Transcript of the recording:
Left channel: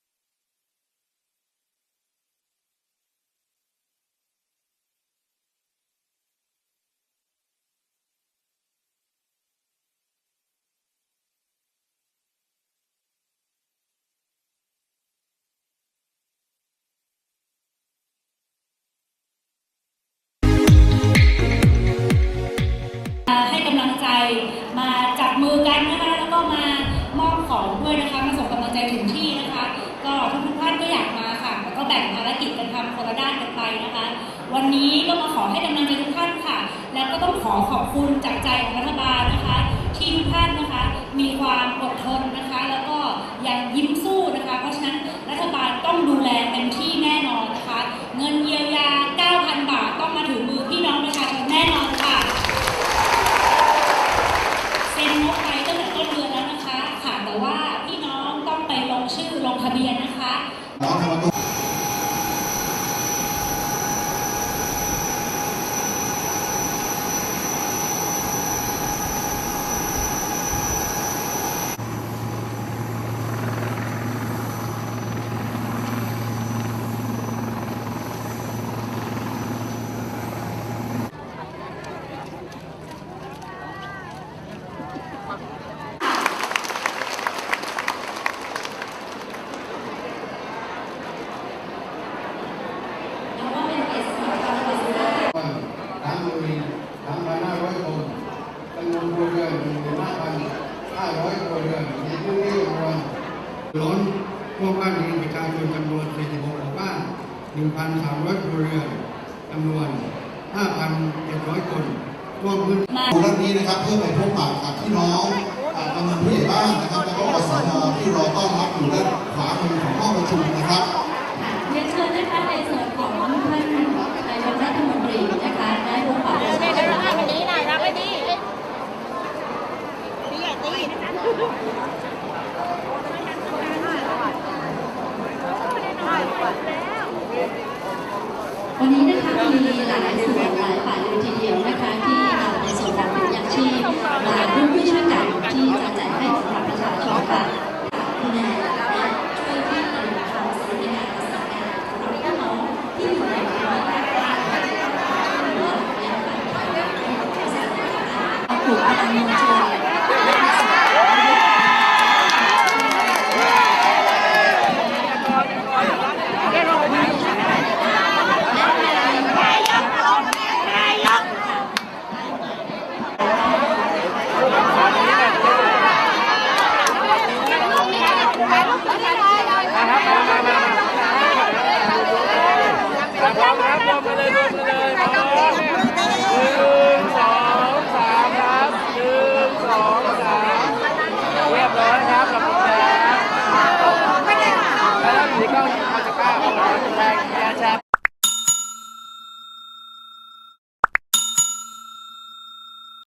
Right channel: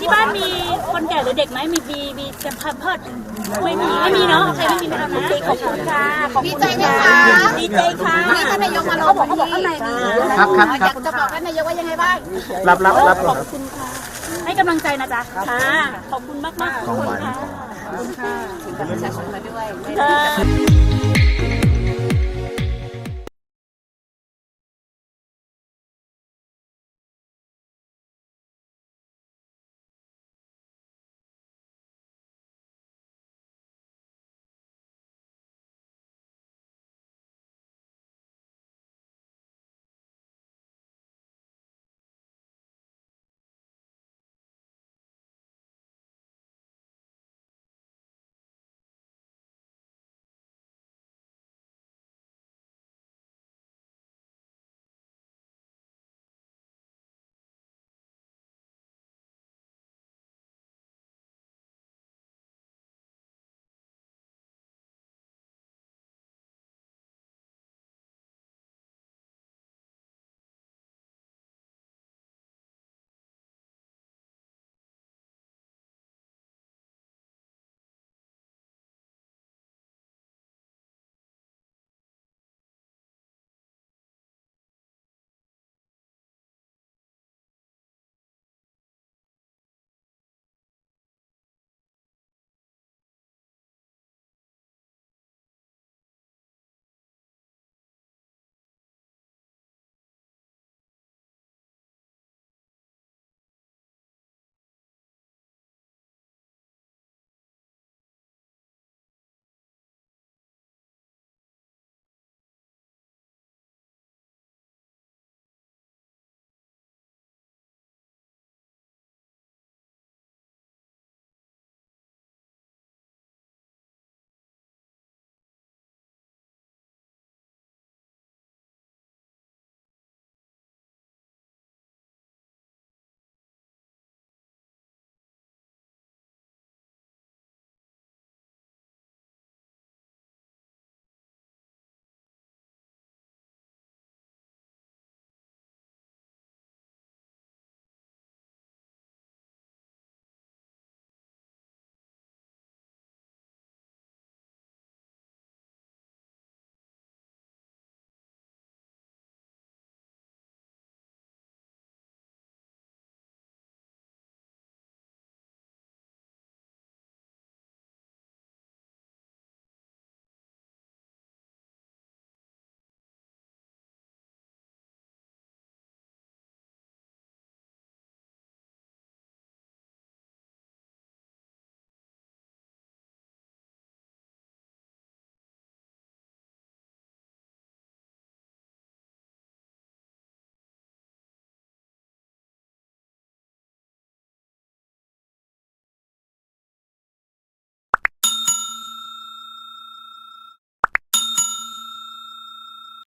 ที่บ้านมีคนแก่หรือเด็กไหมมีมีมีจะพันเพิดไม่มีไม่มีเนาะโอเคไม่มีนะครับนะขอบคุณค่ะขอบดีคุณใจไหมคะดีใจค่ะวันนี้ท่านนายกมาลงพื้นที่ครับครับคอรับยากจะบอกท่านนายกว่ายังไงบ้างรับรับรับขอบคุณค่ะให้กำลังใจนะจ๊ะค่ะขอบคุณมากมากๆขอบคุณค่ะขอบคุณค่ะประชาชนมาด้วย วันนี้ก็มาขอให้กำลังใจทุกท่านค่ะ แล้วก็ต้องขอขอบคุณจากใจของรัฐบาลนะคะ ที่ทุกท่านนะคะ มีความอดทนนะคะ แล้วก็ยังยมสู้นะคะ เพราะฉะนั้นรัฐบาลต้องดูแลเต็มที่แน่นอนนะคะ เงินเยียวยา 9,000 บาทต้องมาถึงมือพี่น้องประชาชนแน่นอนค่ะ เซ็นงบไปตั้งแต่ต้นเดือนแล้วนะคะ ค่ะ แต่ว่าพี่น้องต้องไปลงชื่อลงทะเบียนนะคะ ทั้งมีทั้งพันห้าร้อยคนจำนวนครัวเรือนหนึ่งหมื่นห้าพันห้าร้อยครัวเรือนในพื้นที่จำนวน ล้นพวกบ้านเรือนประชาชนจำนวน 46หมู่บ้าน 1,300ครัวเรือนจำนวน 5,700 คนร่วมพื้นดูเรื่องนี้นะครับเพื่อไปพบปะกับพี่น้องอ่ากำนันผู้ใหญ่บ้านนะครับแล้วก็อสมที่รอต้อนรับอยู่ด้านขวามือ หลายส่วหลายฝ่ายเลยทีเดียวนะคะที่เอาในส่วนของถุงางชีพมาร่วมด้วยช่วยกันที่จะแจกให้กับประชาชนค่ะคุณแม่ช่วยที่นำคำสอนการสอนการของพี่น้องที่อยู่ในภาวะกลุ่มพลังมวลชน 来个福利来来来来